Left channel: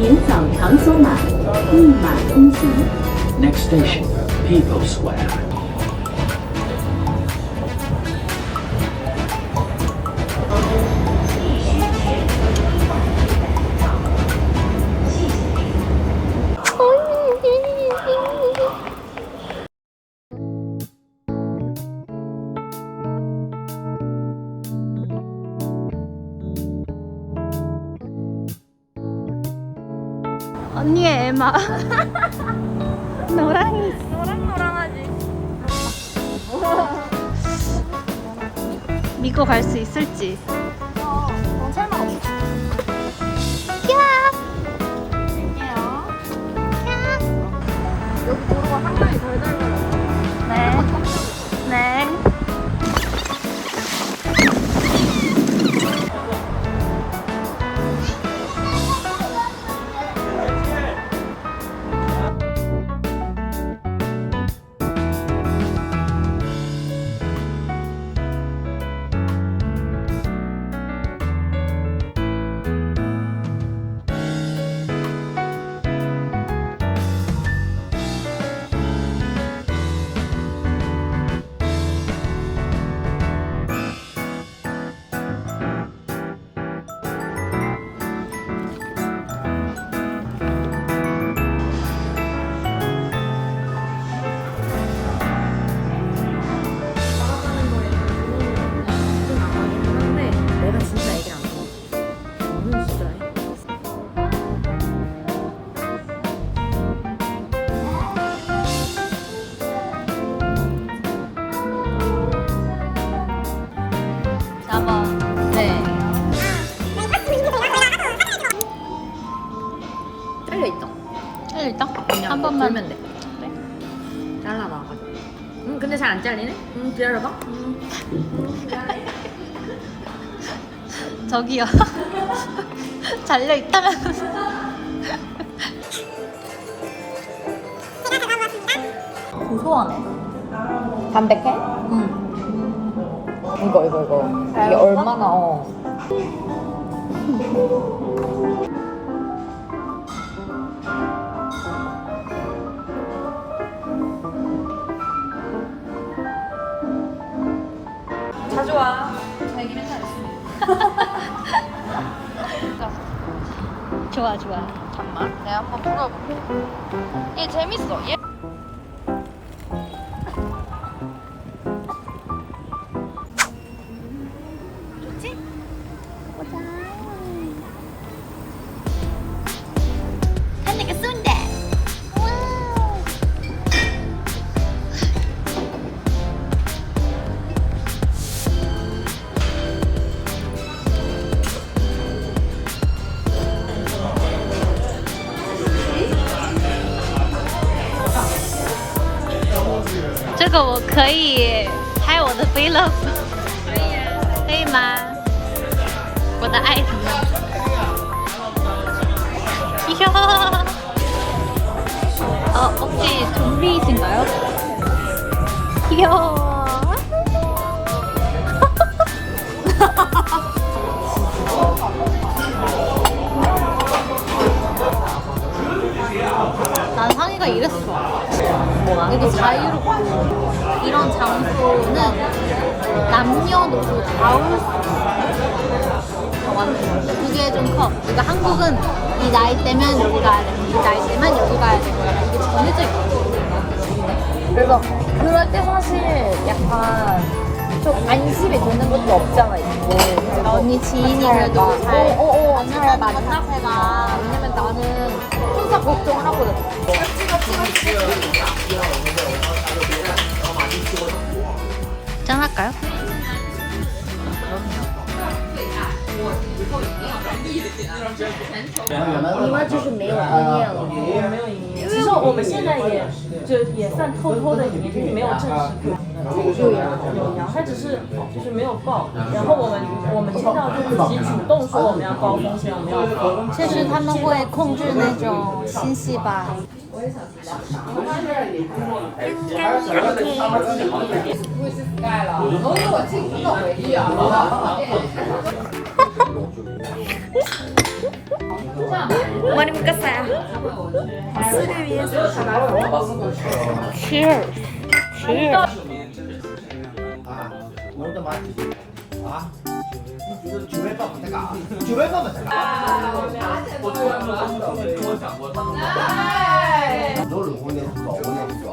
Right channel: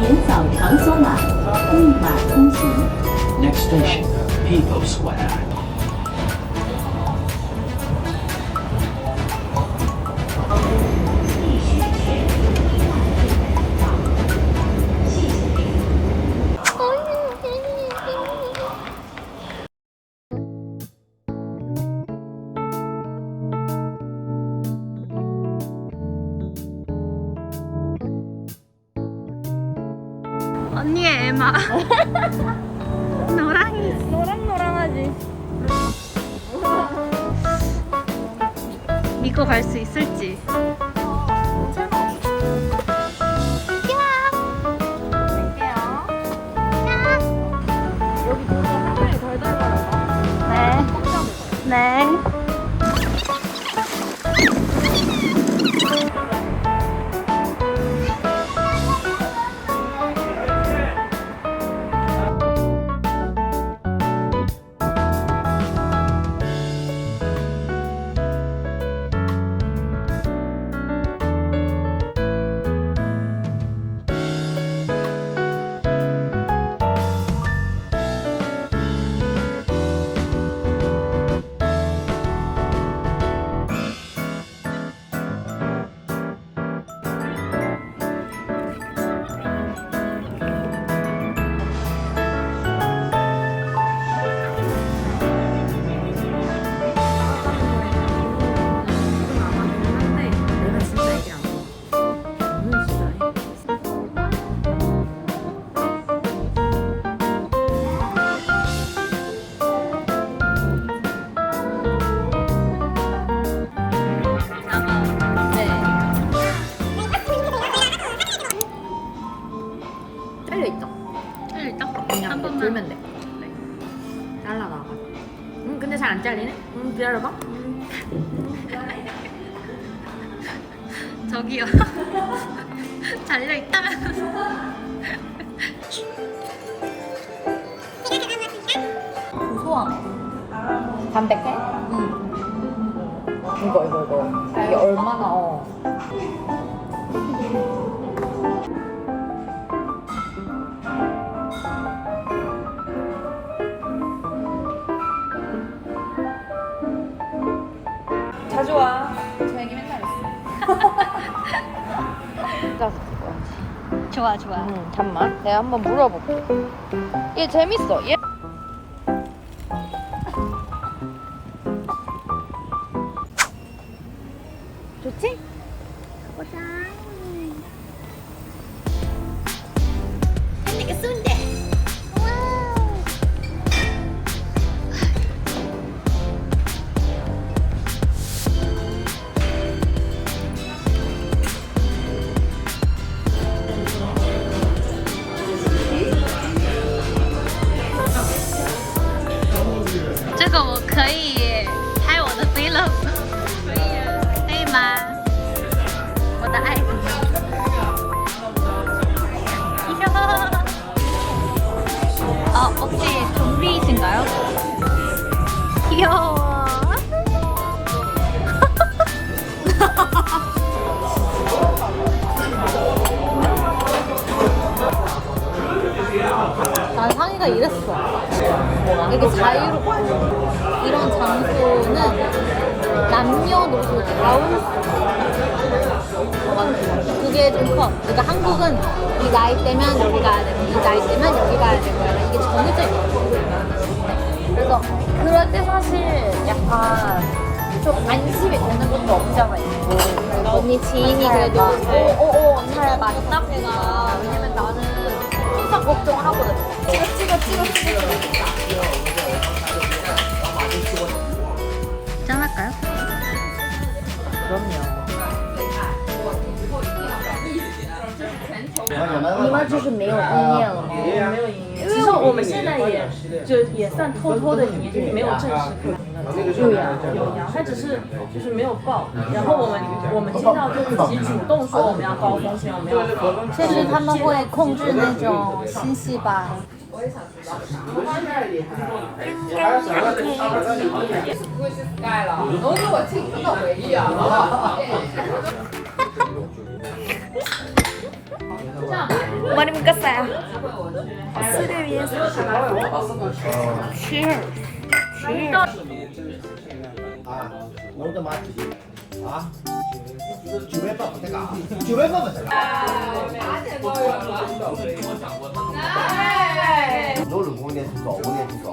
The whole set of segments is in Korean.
沿早场所码，一码通行。 Next station, People Square. 언니의 에마. 노랑이. 노랑노랑하지. 믿고 갈 수 있을지. 잘 안 잘리네? 음 기다려봐. 음. 저기요. 잘려 있다면. 고소하네. 담백해? 응. 이거 이거 이거. 잘 이게? 얼마나 어. 와. 되게 맨날 있어. 좋아 좋아. 음, 잠만. 내가 한번 물어볼게. 얘 재밌어. 얘. 我可以拍我的 vlog，可以吗？我的爱情。이야. 어, 혹시 좀비이신가요? 자유롭고 이런 장소는 남녀노소 다올 수. 완전. 그게 좀 커. 그러니까 한국은 이 나이 때면 여기 가야 되고 이 나이 때면 여기 가야 되고 이게 정해져 있어. 그래서 그럴 때 사실 약간 좀 안심이 되는 것도 없잖아 있고. 언니 지인이 그래도 잘 어, 어, 어. 안내를 많이 카페가 왜냐면 나는 혼자 걱정하거든. 짠할까요? 也就也算偷偷的移，就是没有正式开，有呀有阳，他只是就是没有报，然后我们我们经常就自己主动说我们要高风险，我们要高。确实他们会控制那种新细胞。머리 묶었어요. 술을 위해서. Cheers. Cheers. nấu được hôm nay không rõ hôm nay không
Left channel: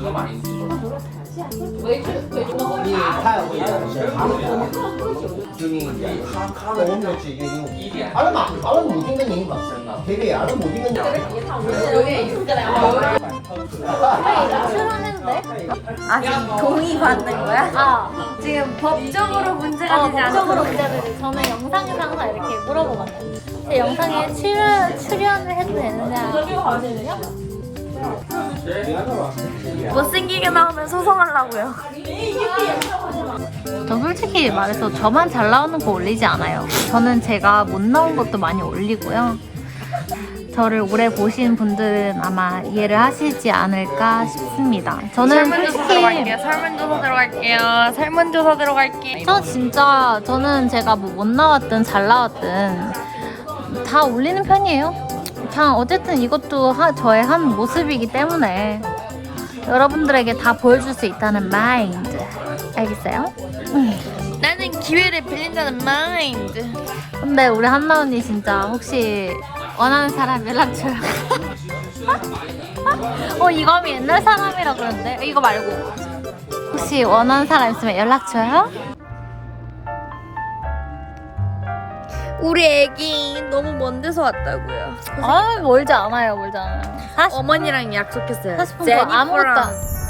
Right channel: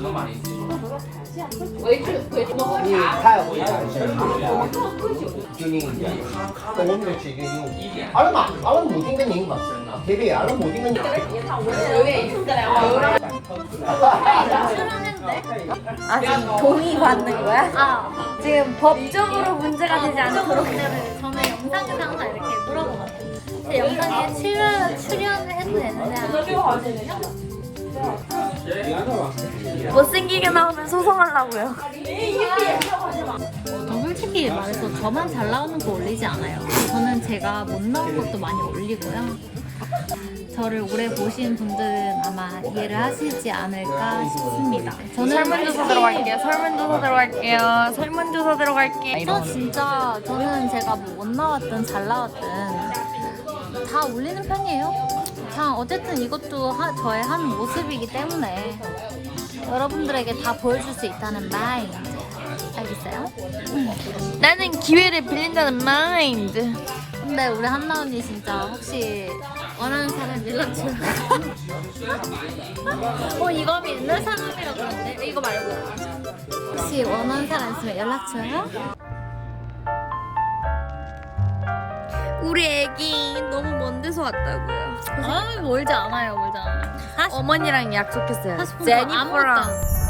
rõ你太 有钱了，就你我们没去给你，阿拉嘛，阿拉母亲的人嘛，对不对？阿拉母亲的人。 아 지금 동의 받는 거야? 아, 지금 법적으로 문제가 되지 않도록. 문제를 저는 영상에서 항상 이렇게 물어보거든요. 그 영상에 출연, 출연을 해도 되는데 하거든요. 못생기게 나오면 소송하려고요. 저 솔직히 말해서 저만 잘 나오는 거 올리지 않아요. 저는 제가 못 나온 것도 많이 올리고요. 저를 오래 보신 분들은 아마 이해를 하시지 않을까 싶습니다. 저는 설문조사 솔직히 들어갈게요. 설문조사 들어갈게요. 설문조사 들어갈게요. 저 진짜 저는 제가 뭐 못 나왔든 잘 나왔든 다 올리는 편이에요. 다 어쨌든 이것도 하- 저의 한 모습이기 때문에 여러분들에게 다 보여줄 수 있다는 마인드 알겠어요? 나는 기회를 빌린다는 마인드. 근데 우리 한나 언니 진짜 혹시 원하는 사람 연락 줘요. 어 이거 옛날 사람이라 그러는데 이거 말고 혹시 원하는 사람 있으면 연락 줘요? 우리 애기 너무 먼 데서 왔다고요. 아 멀지 않아요 멀지 않아요. 어머니랑 약속했어요. 하고 싶은 거 아무것도 안-